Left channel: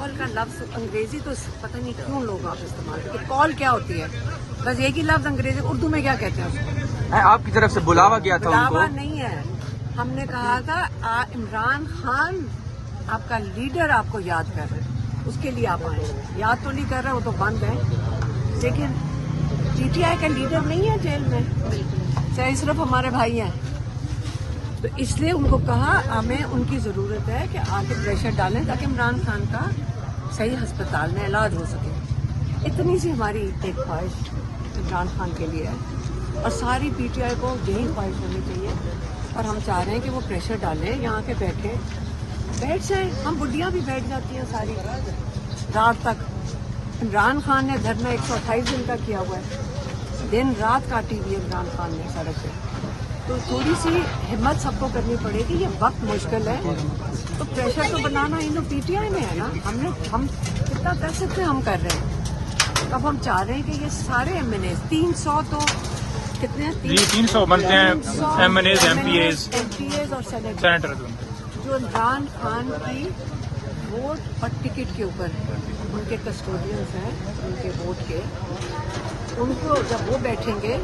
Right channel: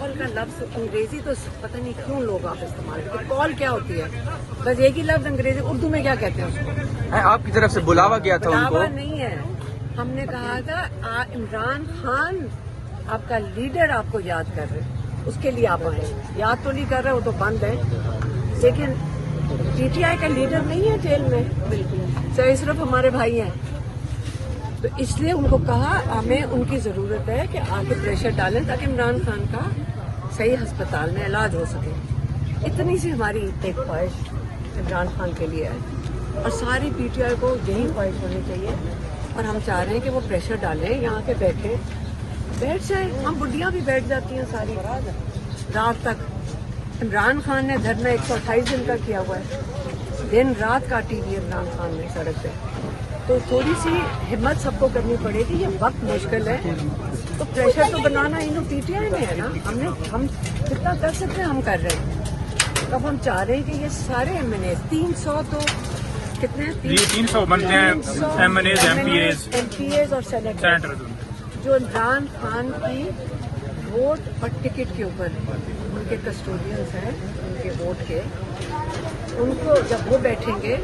Call का लफ्ज अंग्रेजी तो पता नहीं क्यों लोग आप इस्तेमाल करते। कॉल क्या होती है? बस एक ही लफ्ज अंग्रेजी, उर्दू में क्या कहते हैं उसको? आपकी तरफ से बुलावा गया था उनको? बुलावा नहीं है, हमने कहा था इमरान खान आपका लीडर आपको याद कर रहे हैं, उसके लिए आप आए। याद तो नहीं कर रहे, वो तो बंद है, लेकिन पीटीआई का लीडर नहीं है जेल में, चाहे सिर्फ हमारे भाई हैं। तो इसलिए उनको कहा हमें उनकी ज़रूरत है कि आके प्रेशर डालें ताकि इमरान खान का सही अस्पताल में इलाज हो सके। इतनी सी हमारी एक ख्वाहिश इमरान खान के लिए है और सारी पीटीआई को यही ख्वाहिश होनी चाहिए। और हम चाह रहे हैं कि वो प्रेशर डालें, यहाँ पे बैठ जाए। हम बुढ़ियाँ भी बैठ जाती हैं सारी रात तक। इमरान खान ने धरना 128 दिन का किया हुआ है, दिन रात काटी हुई है इमरान खान ने सड़क पे। तो थोड़ी सी हिम्मत सबको करनी पड़ेगी, ये वक्त मुश्किल है, तो प्रेशर तो बनाना इन पीटीआई में है ना। हम कितना कर सकते हैं, हम कर रहे हैं। अब हम चाह रहे हैं कि ये सारे एमएनए 300 तो कितने हैं? 300 बनते हैं एमपीएज और सेनेटर जो इमरान खान की वोट और टिकट के ऊपर उनके कस्टोडियंस हैं, उनके वोट के, उनको जब वो बैठेंगे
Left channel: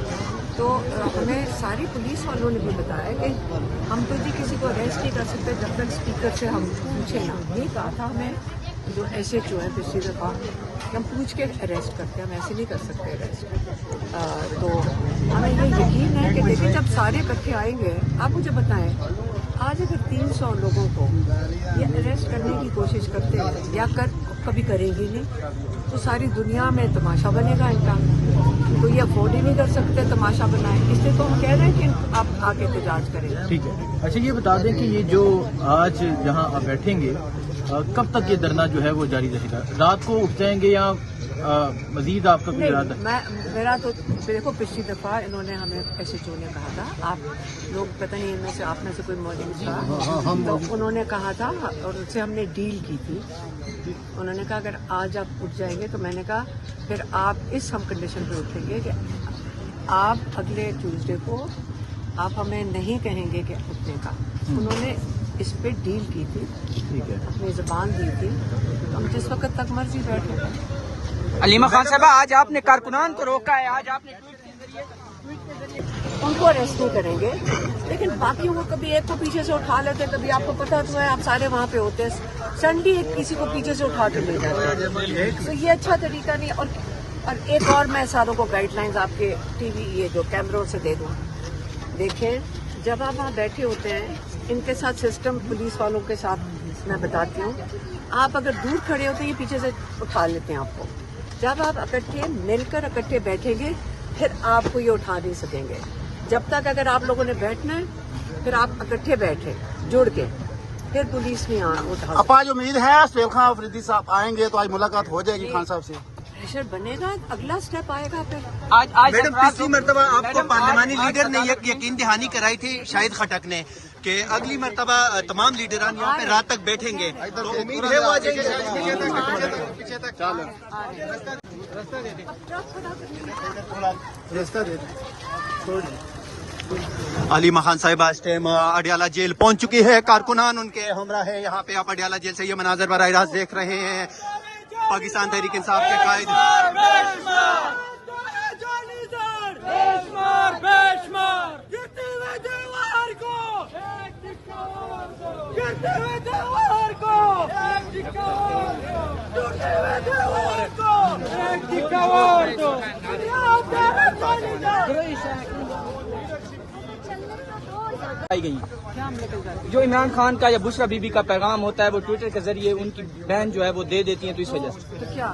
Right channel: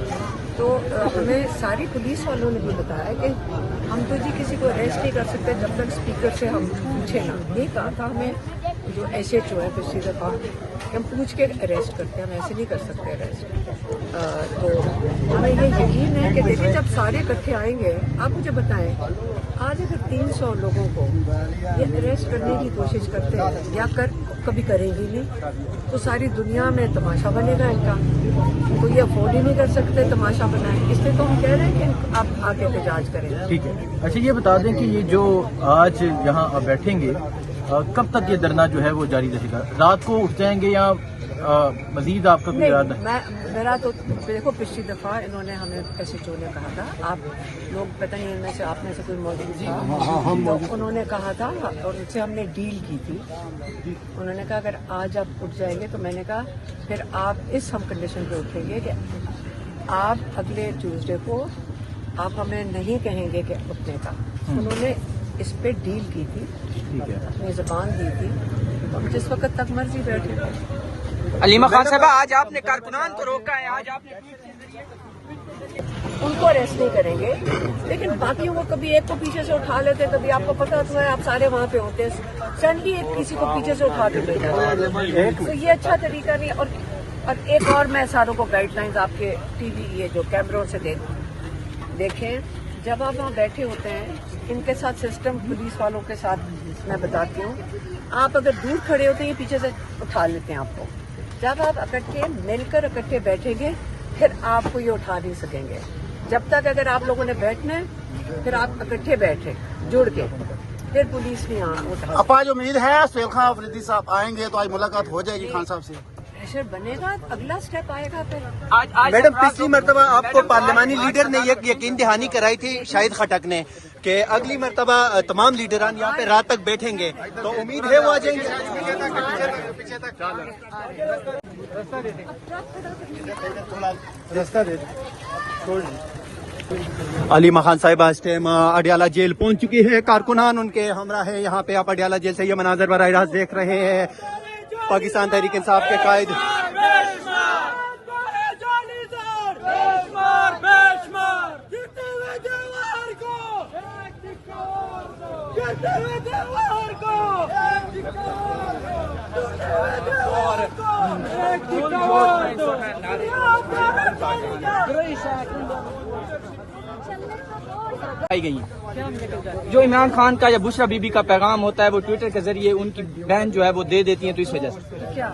तो हमें सारी पुलिस वालों ने भी बताया कि हम तो जी किसी को अरेस्ट नहीं कर सकते जब तक स्पीकर से हम पूछे ना। ये कहा था हमें जो एसएचओ है पिछली दफा, हम पूछ के अरेस्ट करते हैं, हम ऐसे नहीं कर सकते अरेस्ट। तो हमें ये यकीन है कि देखिए जब सारे इकट्ठे आएंगे, आप मुझे बताएं आज अगर 300 लोगों को ये अरेस्ट करने की कोशिश करते हैं या कभी करेंगे नहीं, तो सारी दुनिया में तमाशा बनेगा इनका। तो ये अफोर्ड ही नहीं कर सकते तमाशा बनाए, इसलिए तो हम कह रहे हैं कि आप आगे एहतजाज करें। ठीक है। अच्छा ये बता दें कि ये जो आज यहाँ आप बैठेंगे, कब तक ये धरना जो है वो जारी रहेगा? रात को उठ जाएंगे या मजीद आपको? नहीं, मेरा तो देखो पिछली दफा इन्होंने हमें एसएचओ ने कहा था, आप लोग पता नहीं इनमें से आप में से कोई मौजूद था, तो उन्होंने कहा था और उनसे हमने डील की थी। उन्होंने कहा अगर आज आप उठ जाएंगे, तो मैंने कहा फिर आप इस हम कंडीशन पे उठेंगे कि आप अगले ट्यूसडे को आप हमें नहीं कहेंगे कि उठने का। उन्होंने इस पे डील की थी, अपनी ज़बान दी थी, तो हम जिस वक्त तक मर्जी बैठे। अलीमा खान साहब, आज आपने कारकुनान को रोका है, आज आपने उनको अरेस्ट नहीं करेंगे, लेकिन बाकियों को कभी एक को पीछे से उठा लेते हैं, कभी आपको पता तो है आप सारे वहाँ पे होते हैं, सडनली किसी को पीछे से उठा के ले जाते हैं, तो ये अच्छा तरीका नहीं। और एक और मैं सारों को गाइडलाइंस आपके टीवी ये जो कैमरों से दे दूँ, देखें जब आप वहाँ बैठे होते हैं इनके साथ सिस्टम पुलिस वालों के साथ मैं बताती हूँ, आप अगर दूर खड़े होते हैं ये पीछे से उठा लेते हैं आपको। जब आप इकट्ठे मिलकर इकट्ठे बैठेंगे फिर आपको ये उठा नहीं सकेंगे। जब तक अगर आप लोगों ने बैठना है फिर आप इकट्ठे बैठे जुड़ के, फिर पुलिस नहीं उठा। अब आज उम्मीद है सुहेल खान अफरीदी साहब आएंगे तो आज मुलाकात हो जाएगी खान साहब से, प्रेशर बनेगा, अगला स्टेप आएगा फिर। मैडम पिछली मरतबा आपको पार्लिमानी लीडर ने यकीन दहानी कराई थी शाहिद खटक ने कि अगली मरतबा तमाम लीडरान यहाँ पे रात तक बैठेंगे, तो उम्मीद है वो आ जाएंगे। अलीमा खान साहिबा अडियाला जेल पहुंच चुकी है, कारकुनान उनके हमरा है यहाँ पे। आप अडियाला जेल से ये मनाजर बराह रास्त देख रहे हैं। पाकिस्तान तहरीक इंसाफ के कायद आई गई जो इमरान खान का या बुशरा बीबी का पैगाम होता है वो ट्विटर के जरिए उनकी बहन जो है वो दे देती है, तो इस वजह से तो क्या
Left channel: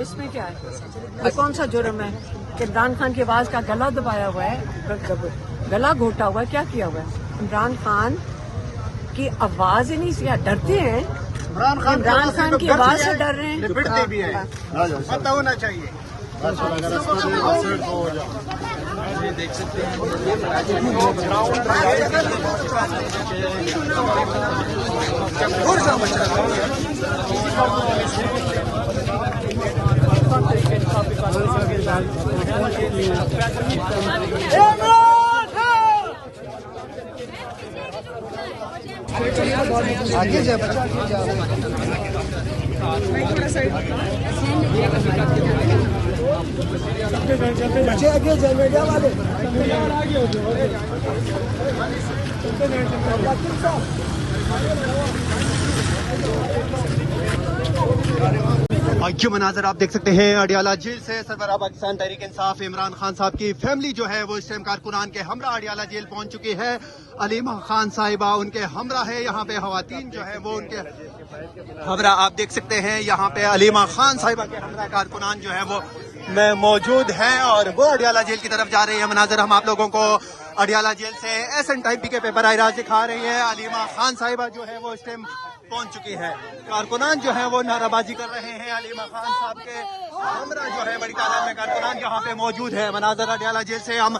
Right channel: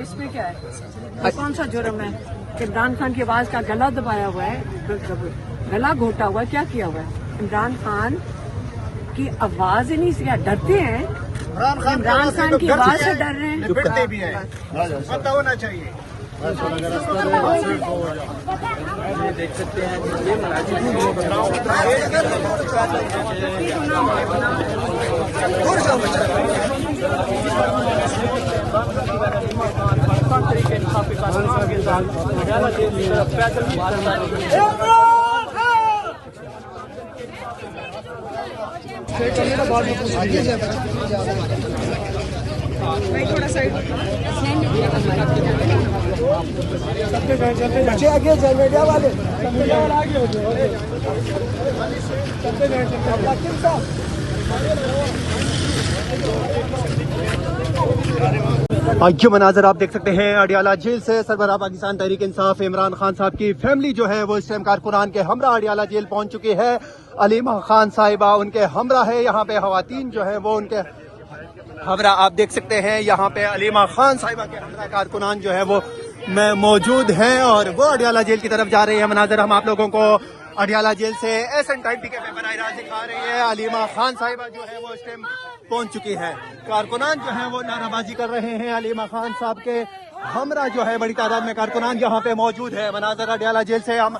इसमें क्या है? कौन सा जुर्म है कि इमरान खान की आवाज का गला दबाया हुआ है, गला घोटा हुआ है, क्या किया हुआ है? इमरान खान की आवाज ही नहीं से डरते हैं, इमरान खान की आवाज से डर रहे हैं। दुपट्टे भी है, पता होना चाहिए। देख सकते हैं आगे ये मनाजर आप देख सकते हैं अडियाला जेल से सरबराह पाकिस्तान तहरीक इंसाफ इमरान खान साहब की फैमिली जो है वो इस टाइम कारकुनान के हमरा अडियाला जेल पहुंच चुकी है। अलीमा खान साहिबा उनके हमरा है, यहाँ पे खवातीन जो है वो उनके हमरा आप देख सकते हैं। यहाँ पे अलीमा खान साहिबा के हमरा कारकुनान जो है वो में मौजूद हैं और वो अडियाला जेल की तरफ जा रहे हैं। मनाजर हम आप लोगों को अडियाला जेल से SN टाइम के बराह रास्त दिखा रही है। अलीमा खान साहिबा जो है वो इस टाइम पहुंच चुकी है। कारकुनान जो है वो नाराबाजी कर रहे हैं। अलीमा खान साहब के हमरा जो है बड़ी तादाद में कारकुनान यहाँ पे मौजूद है। मनाजर अडियाला जेल से हम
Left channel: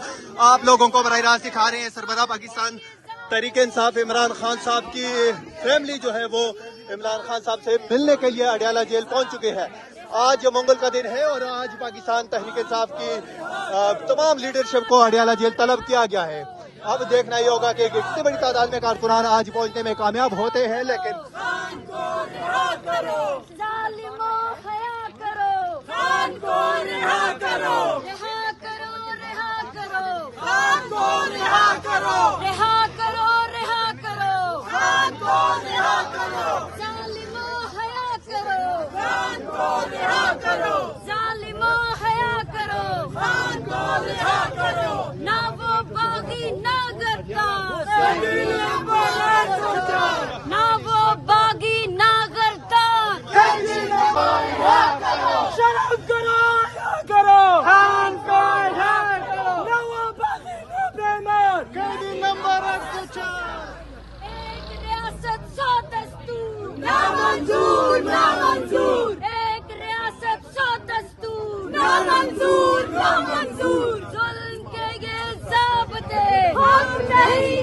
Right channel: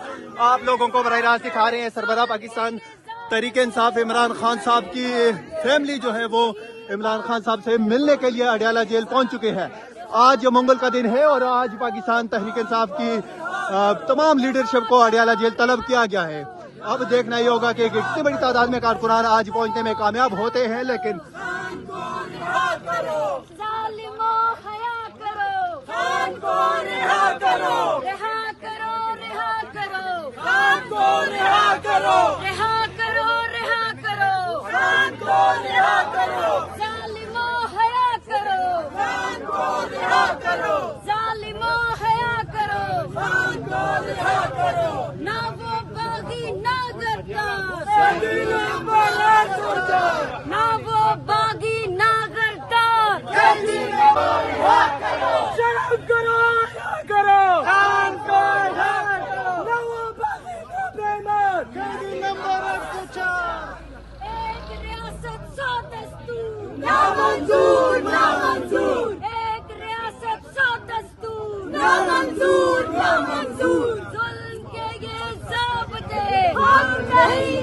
आप लोगों को बराह रास्त दिखा रहे हैं। सरबराह पाकिस्तान तहरीक इंसाफ इमरान खान साहब की फैमिली जो है वो इमरान खान साहब से मिलने के लिए अडियाला जेल पहुंच चुके हैं। आज मंगल का दिन है और आज पाकिस्तान तहरीक इंसाफ की तमाम लीडरशिप को अडियाला जेल तलब किया गया है। अब देखना ही होगा कि कितनी बड़ी तादाद में कारकुनान आज पहुंचने में कामयाब होते हैं। लेकिन ना वो बागी ना गद्दार, ना वो बागी ना गद्दार, शर्म करो खान को रिहा करो, ना वो बागी ना बेईमान, कैदी नंबर 104। एक रियासत 100 दस्तूर, ना मंजूर ना मंजूर, एक रियासत 100 दस्तूर, ना मंजूर ना मंजूर, जुल्म के ये ज़ाब्ते हम नहीं